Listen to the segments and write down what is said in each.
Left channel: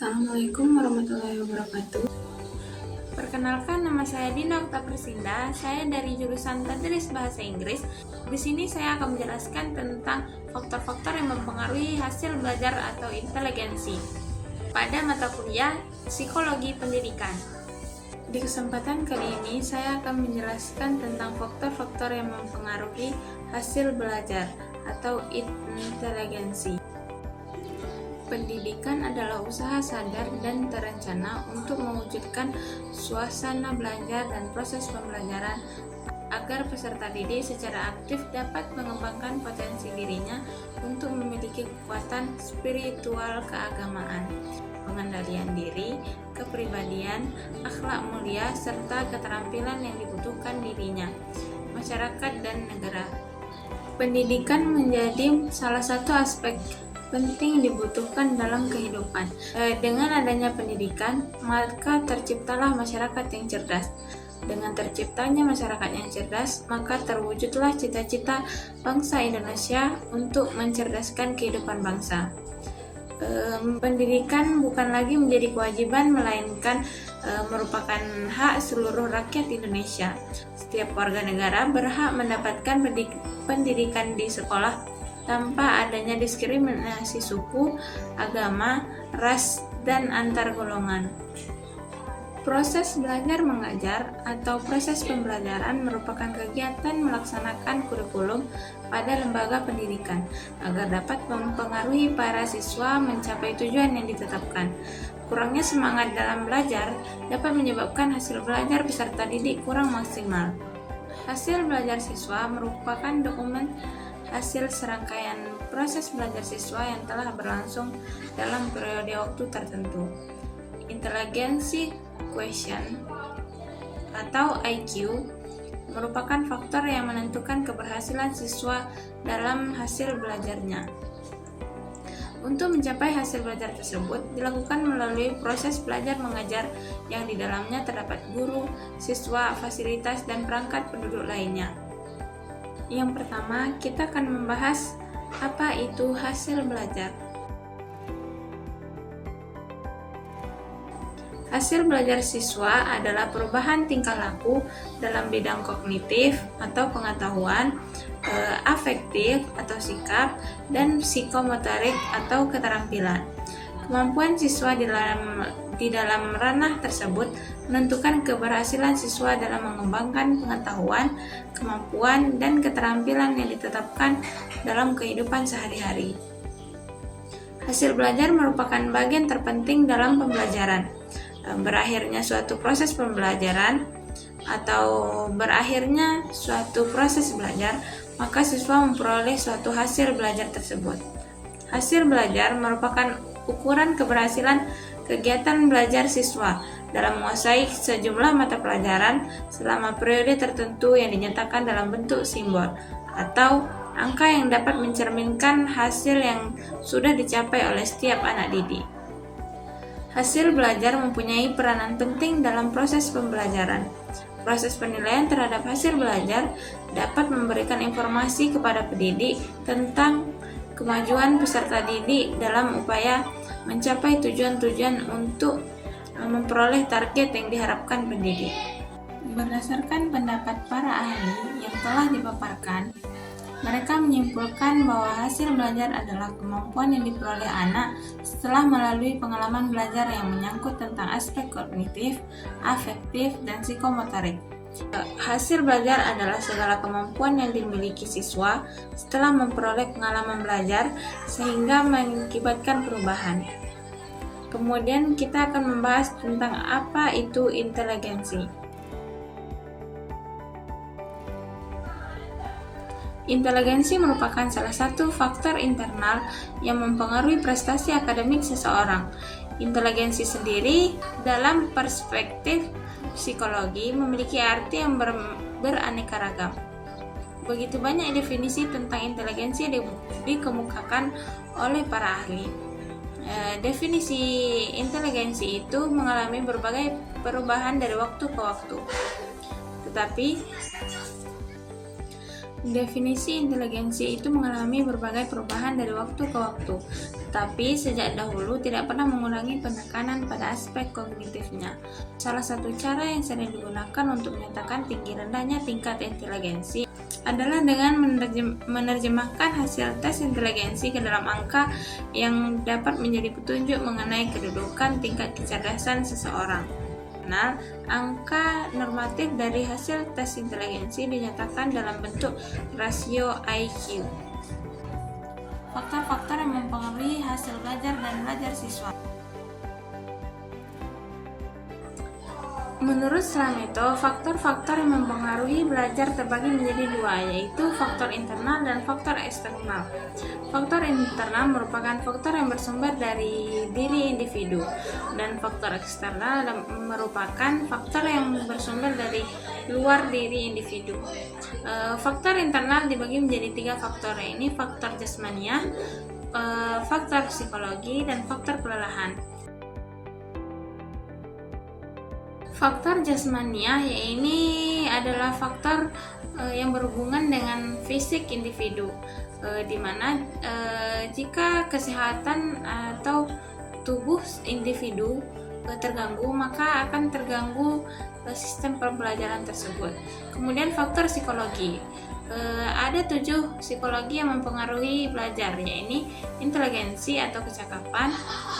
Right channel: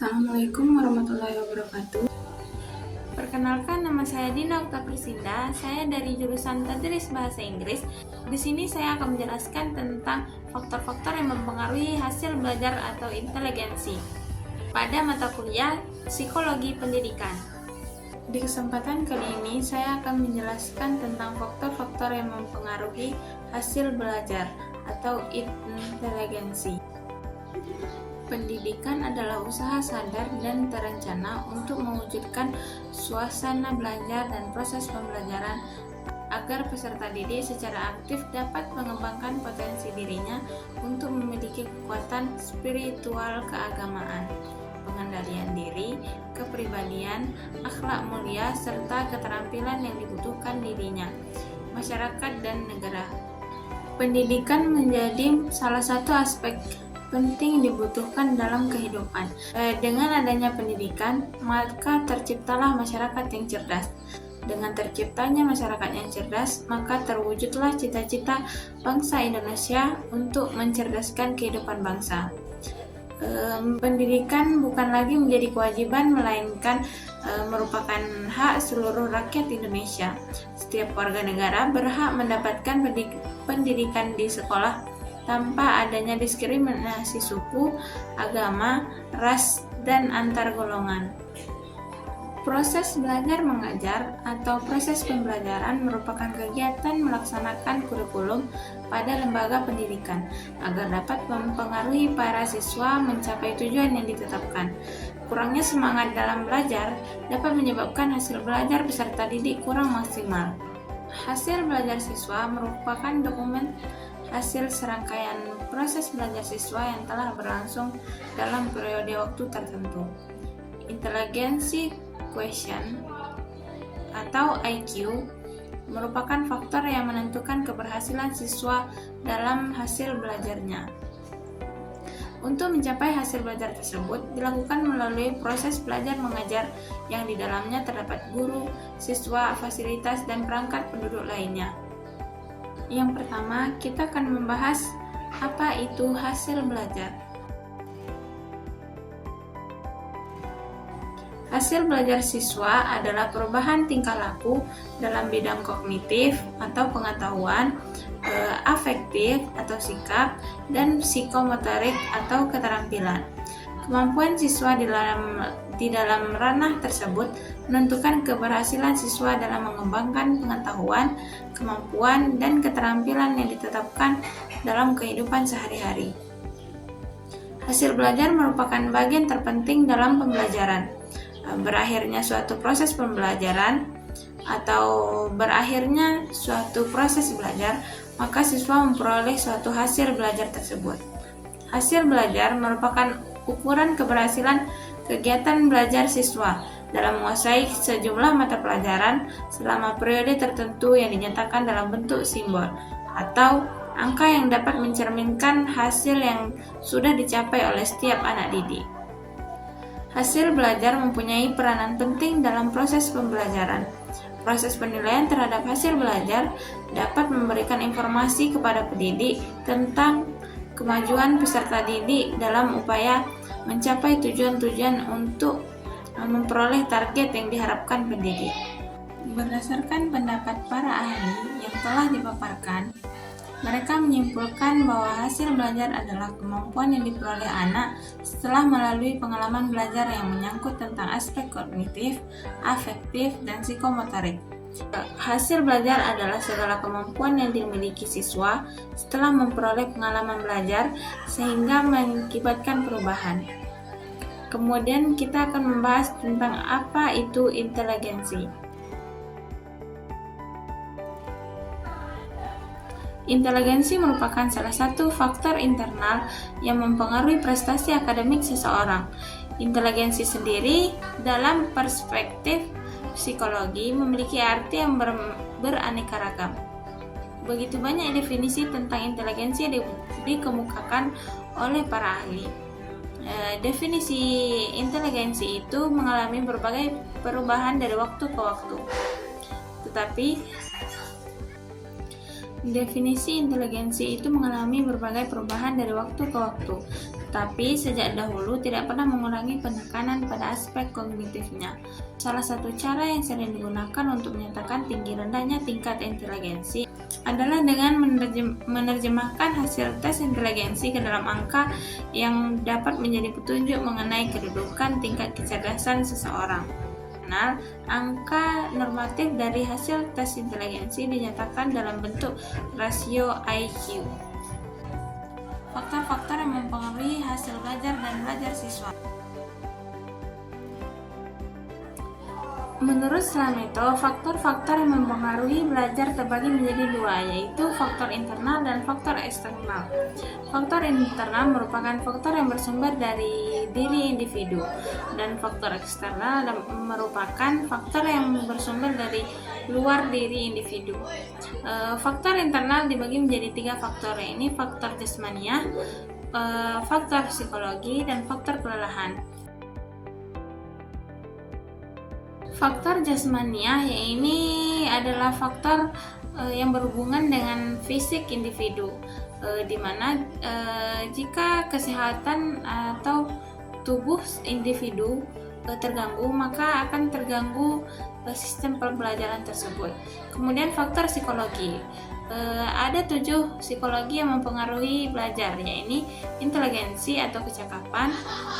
Assalamualaikum warahmatullahi wabarakatuh. Perkenalkan, nama saya Dina Okta Persinda. Saya dari jurusan Tadris Bahasa Inggris. Di sini saya akan menjelaskan tentang faktor-faktor yang mempengaruhi hasil belajar atau inteligensi pada mata kuliah Psikologi Pendidikan. Di kesempatan kali ini saya akan menjelaskan tentang faktor-faktor yang mempengaruhi hasil belajar atau inteligensi. Pendidikan adalah usaha sadar dan terencana untuk mewujudkan suasana belajar dan proses pembelajaran agar peserta didik secara aktif dapat mengembangkan potensi dirinya untuk memiliki kekuatan spiritual keagamaan, pengendalian diri, kepribadian, akhlak mulia, serta keterampilan yang dibutuhkan dirinya, masyarakat, dan negara. Pendidikan menjadi salah satu aspek penting dibutuhkan dalam kehidupan. Dengan adanya pendidikan, maka terciptalah masyarakat yang cerdas. Dengan terciptanya masyarakat yang cerdas, maka terwujudlah cita-cita bangsa Indonesia untuk mencerdaskan kehidupan bangsa. Pendidikan bukan lagi menjadi kewajiban, melainkan merupakan hak seluruh rakyat Indonesia. Setiap warga negara berhak mendapatkan pendidikan di sekolah tanpa adanya diskriminasi suku, agama, ras, dan antar golongan. Proses belajar mengajar atau proses pembelajaran merupakan kegiatan melaksanakan kurikulum pada lembaga pendidikan agar dapat mempengaruhi para siswa mencapai tujuan yang ditetapkan. Kurangnya semangat dalam belajar dapat menyebabkan hasil belajar peserta didik kurang maksimal. Hasil belajar siswa merupakan dokumen hasil serangkaian proses belajar siswa yang telah berlangsung dalam periode waktu tertentu. Inteligensi quotient atau IQ merupakan faktor yang menentukan keberhasilan siswa dalam hasil belajarnya. Untuk mencapai hasil belajar tersebut dilakukan melalui proses belajar mengajar yang di dalamnya terdapat guru, siswa, fasilitas, dan perangkat penduduk lainnya. Yang pertama, kita akan membahas apa itu hasil belajar. Hasil belajar siswa adalah perubahan tingkah laku dalam bidang kognitif atau pengetahuan, afektif atau sikap, dan psikomotorik atau keterampilan. Kemampuan siswa di dalam ranah tersebut menentukan keberhasilan siswa dalam mengembangkan pengetahuan, kemampuan, dan keterampilan yang ditetapkan dalam kehidupan sehari-hari. Hasil belajar merupakan bagian terpenting dalam pembelajaran. Berakhirnya suatu proses pembelajaran atau berakhirnya suatu proses belajar, maka siswa memperoleh suatu hasil belajar tersebut. Hasil belajar merupakan ukuran keberhasilan kegiatan belajar siswa dalam menguasai sejumlah mata pelajaran selama periode tertentu yang dinyatakan dalam bentuk simbol atau angka yang dapat mencerminkan hasil yang sudah dicapai oleh setiap anak didik. Hasil belajar mempunyai peranan penting dalam proses pembelajaran. Proses penilaian terhadap hasil belajar dapat memberikan informasi kepada pendidik tentang kemajuan peserta didik dalam upaya mencapai tujuan-tujuan untuk memperoleh target yang diharapkan pendidik. Berdasarkan pendapat para ahli yang telah dipaparkan, mereka menyimpulkan bahwa hasil belajar adalah kemampuan yang diperoleh anak setelah melalui pengalaman belajar yang menyangkut tentang aspek kognitif, afektif, dan psikomotorik. Hasil belajar adalah segala kemampuan yang dimiliki siswa setelah memperoleh pengalaman belajar sehingga mengakibatkan perubahan. Kemudian kita akan membahas tentang apa itu inteligensi. Inteligensi merupakan salah satu faktor internal yang mempengaruhi prestasi akademik seseorang. Inteligensi sendiri dalam perspektif psikologi memiliki arti yang beraneka ragam. Begitu banyak definisi tentang inteligensi yang dikemukakan oleh para ahli. Definisi inteligensi itu mengalami berbagai perubahan dari waktu ke waktu. Tetapi definisi inteligensi itu mengalami berbagai perubahan dari waktu ke waktu. tetapi sejak dahulu tidak pernah mengurangi penekanan pada aspek kognitifnya. Salah satu cara yang sering digunakan untuk menyatakan tinggi rendahnya tingkat inteligensi adalah dengan menerjemahkan hasil tes inteligensi ke dalam angka yang dapat menjadi petunjuk mengenai kedudukan tingkat kecerdasan seseorang. Angka normatif dari hasil tes inteligensi dinyatakan dalam bentuk rasio IQ. Faktor-faktor yang mempengaruhi hasil belajar dan belajar siswa. Menurut Slameto, faktor-faktor yang mempengaruhi belajar terbagi menjadi dua, yaitu faktor internal dan faktor eksternal. Faktor internal merupakan faktor yang bersumber dari diri individu, dan faktor eksternal merupakan faktor yang bersumber dari luar diri individu. Faktor internal dibagi menjadi tiga faktor, yaitu faktor jasmania, faktor psikologi, dan faktor kelelahan. Faktor jasmania ini adalah faktor yang berhubungan dengan fisik individu, di mana jika kesehatan atau tubuh individu terganggu, maka akan terganggu sistem pembelajaran tersebut. Kemudian faktor psikologi, ada 7 psikologi yang mempengaruhi belajar, yaitu inteligensi atau kecakapan,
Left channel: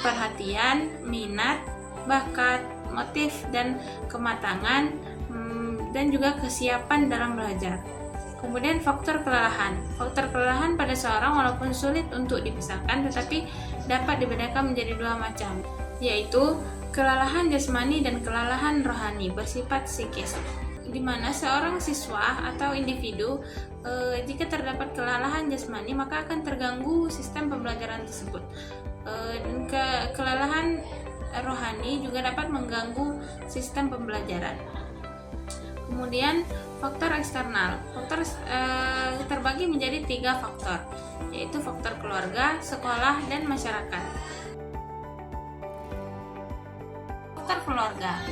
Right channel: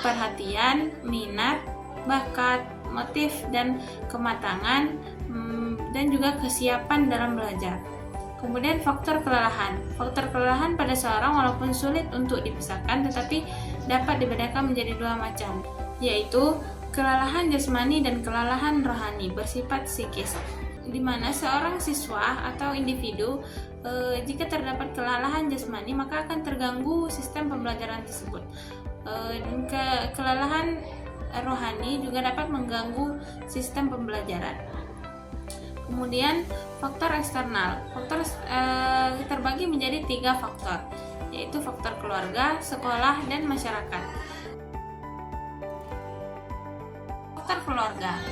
perhatian, minat, bakat, motif, dan kematangan, dan juga kesiapan dalam belajar. Kemudian faktor kelelahan. Faktor kelelahan pada seorang walaupun sulit untuk dipisahkan, tetapi dapat dibedakan menjadi 2 macam, yaitu kelelahan jasmani dan kelelahan rohani bersifat psikis, di mana seorang siswa atau individu jika terdapat kelelahan jasmani maka akan terganggu sistem pembelajaran tersebut. Dan kelelahan rohani juga dapat mengganggu sistem pembelajaran. Kemudian faktor eksternal. Faktor terbagi menjadi 3 faktor, yaitu faktor keluarga, sekolah, dan masyarakat. Faktor keluarga,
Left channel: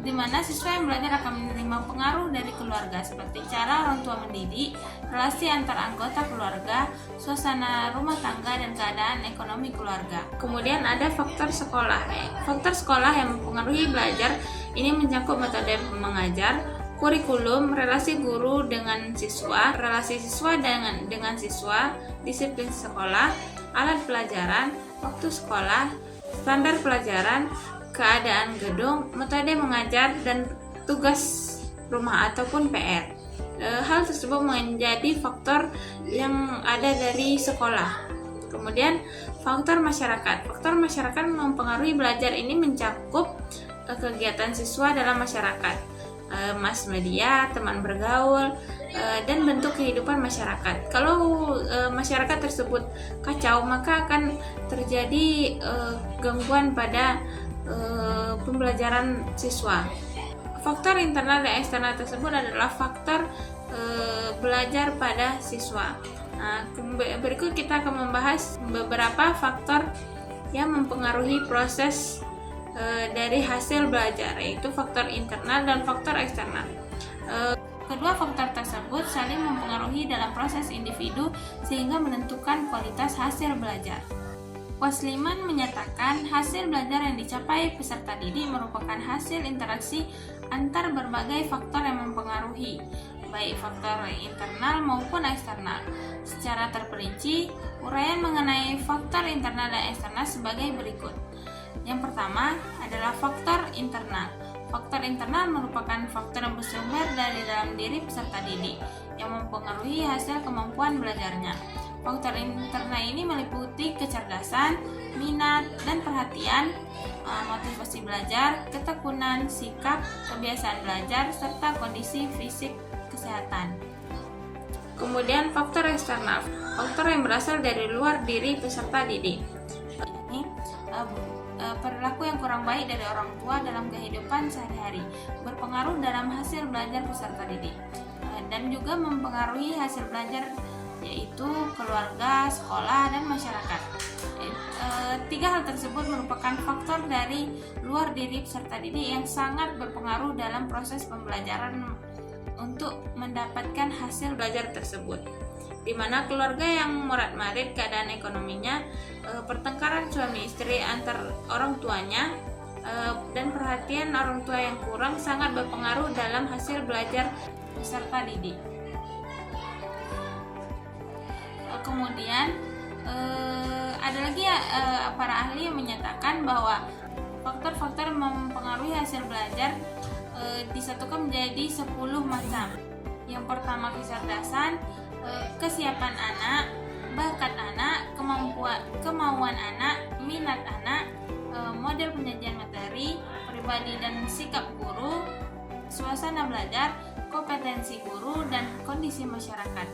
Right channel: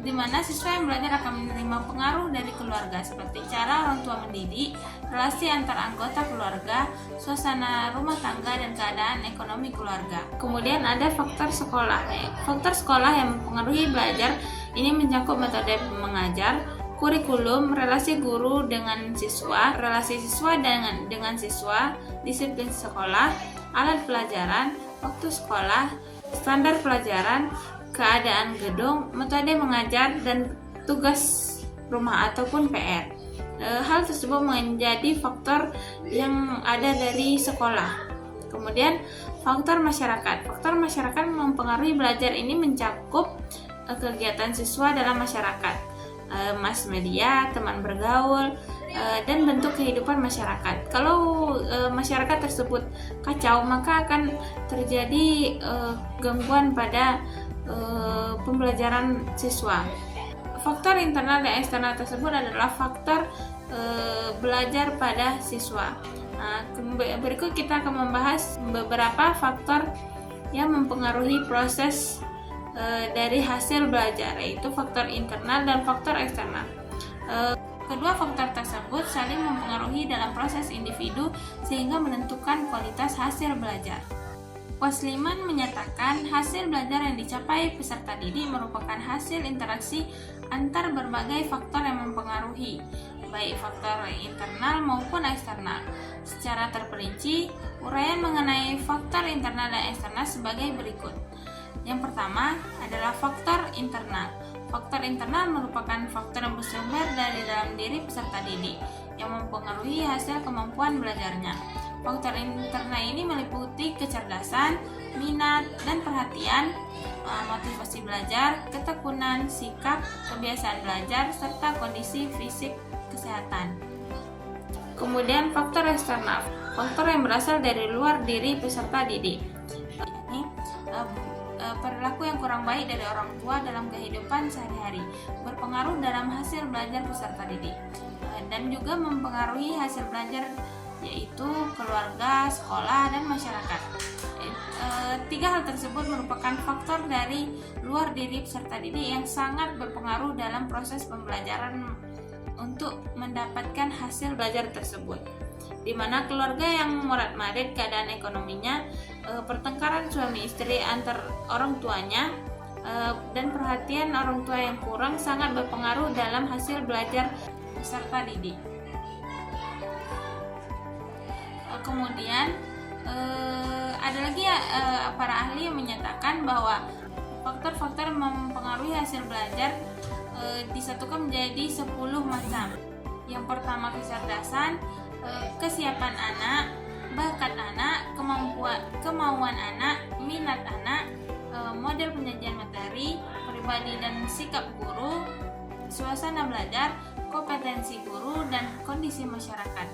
di mana siswa yang belajar akan menerima pengaruh dari keluarga seperti cara orang tua mendidik, relasi antar anggota keluarga, suasana rumah tangga, dan keadaan ekonomi keluarga. Kemudian ada faktor sekolah. Faktor sekolah yang mempengaruhi belajar ini mencakup metode mengajar, kurikulum, relasi guru dengan siswa, relasi siswa dengan siswa, disiplin sekolah, alat pelajaran, waktu sekolah, standar pelajaran, keadaan gedung, metode mengajar, dan tugas rumah ataupun PR. Hal tersebut menjadi faktor yang ada dari sekolah. Kemudian faktor masyarakat. Faktor masyarakat mempengaruhi belajar ini mencakup kegiatan siswa dalam masyarakat, mass media, teman bergaul, dan bentuk kehidupan masyarakat. Kalau masyarakat tersebut kacau, maka akan terjadi gangguan pada pembelajaran siswa. Faktor internal dan eksternal tersebut adalah faktor belajar pada siswa. Nah, berikut kita akan membahas beberapa faktor yang mempengaruhi proses dari hasil belajar, yaitu faktor internal dan faktor eksternal. Kedua faktor tersebut saling mempengaruhi dalam proses individu sehingga menentukan kualitas hasil belajar. Wasliman menyatakan hasil belajar yang dicapai peserta didik merupakan hasil interaksi antar berbagai faktor yang mempengaruhi, baik faktor internal maupun eksternal. Secara terperinci, uraian mengenai faktor internal dan eksternal sebagai berikut. Yang pertama adalah faktor internal. Faktor internal merupakan faktor yang bersumber dari dalam diri peserta didik yang mempengaruhi hasil kemampuan belajarnya. Faktor internal ini meliputi kecerdasan, minat, dan perhatian, motivasi belajar, ketekunan, sikap, kebiasaan belajar, serta kondisi fisik kesehatan. Kemudian faktor eksternal, faktor yang berasal dari luar diri peserta didik. Ini perilaku yang kurang baik dari orang tua dalam kehidupan sehari-hari berpengaruh dalam hasil belajar peserta didik, dan juga mempengaruhi hasil belajar, yaitu keluarga, sekolah, dan masyarakat. 3 hal tersebut merupakan faktor dari luar diri peserta didik yang sangat berpengaruh dalam proses pembelajaran untuk mendapatkan hasil belajar tersebut. di mana keluarga yang morat-marit keadaan ekonominya, pertengkaran suami istri antar orang tuanya, dan perhatian orang tua yang kurang sangat berpengaruh dalam hasil belajar peserta didik. Kemudian ada lagi para ahli yang menyatakan bahwa faktor-faktor yang mempengaruhi hasil belajar disatukan menjadi 10 macam. Yang pertama kecerdasan, kesiapan anak, bakat anak, kemauan anak, minat anak, model penyajian materi, pribadi dan sikap guru, suasana belajar, kompetensi guru, dan kondisi masyarakat.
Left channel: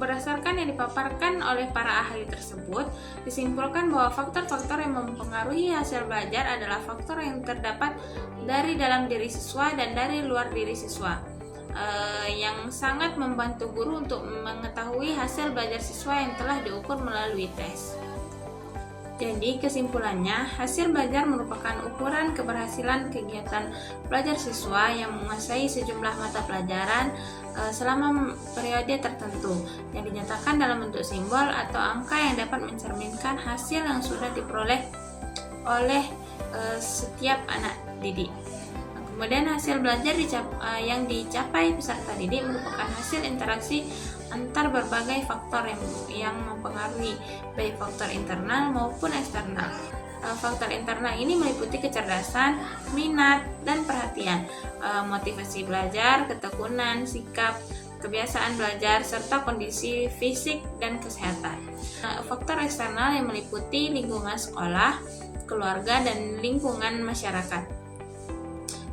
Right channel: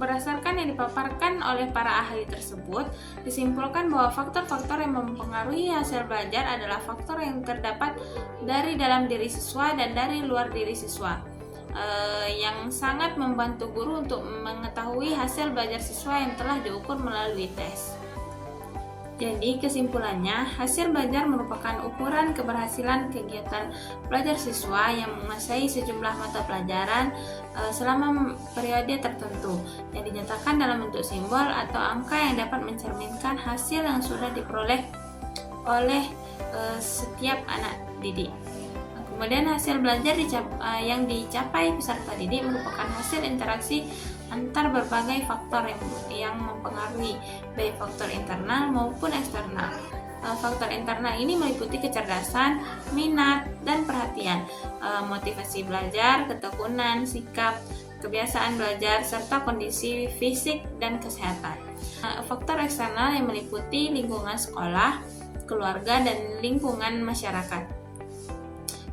Berdasarkan yang dipaparkan oleh para ahli tersebut, disimpulkan bahwa faktor-faktor yang mempengaruhi hasil belajar adalah faktor yang terdapat dari dalam diri siswa dan dari luar diri siswa, yang sangat membantu guru untuk mengetahui hasil belajar siswa yang telah diukur melalui tes. Jadi kesimpulannya, hasil belajar merupakan ukuran keberhasilan kegiatan belajar siswa yang menguasai sejumlah mata pelajaran selama periode tertentu, yang dinyatakan dalam bentuk simbol atau angka yang dapat mencerminkan hasil yang sudah diperoleh oleh setiap anak didik. Kemudian hasil belajar yang dicapai peserta didik merupakan hasil interaksi antar berbagai faktor yang mempengaruhi, baik faktor internal maupun eksternal. Faktor internal ini meliputi kecerdasan, minat, dan perhatian, motivasi belajar, ketekunan, sikap, kebiasaan belajar, serta kondisi fisik dan kesehatan. Faktor eksternal yang meliputi lingkungan sekolah, keluarga, dan lingkungan masyarakat.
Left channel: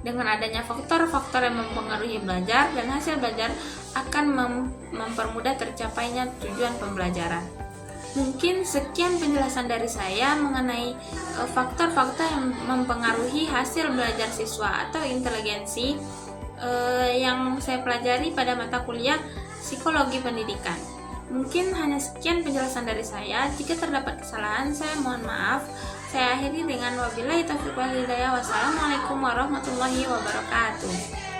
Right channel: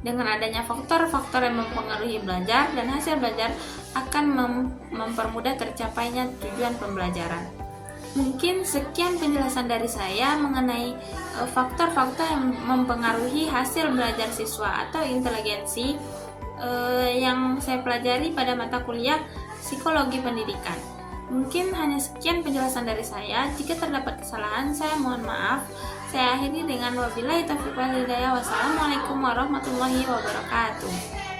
Dengan adanya faktor-faktor yang mempengaruhi belajar dan hasil belajar akan mempermudah tercapainya tujuan pembelajaran. Mungkin sekian penjelasan dari saya mengenai faktor-faktor yang mempengaruhi hasil belajar siswa atau inteligensi yang saya pelajari pada mata kuliah Psikologi Pendidikan. Mungkin hanya sekian penjelasan dari saya. Jika terdapat kesalahan, saya mohon maaf. Saya akhiri dengan wabillahi taufiq wal hidayah. Wassalamualaikum warahmatullahi wabarakatuh.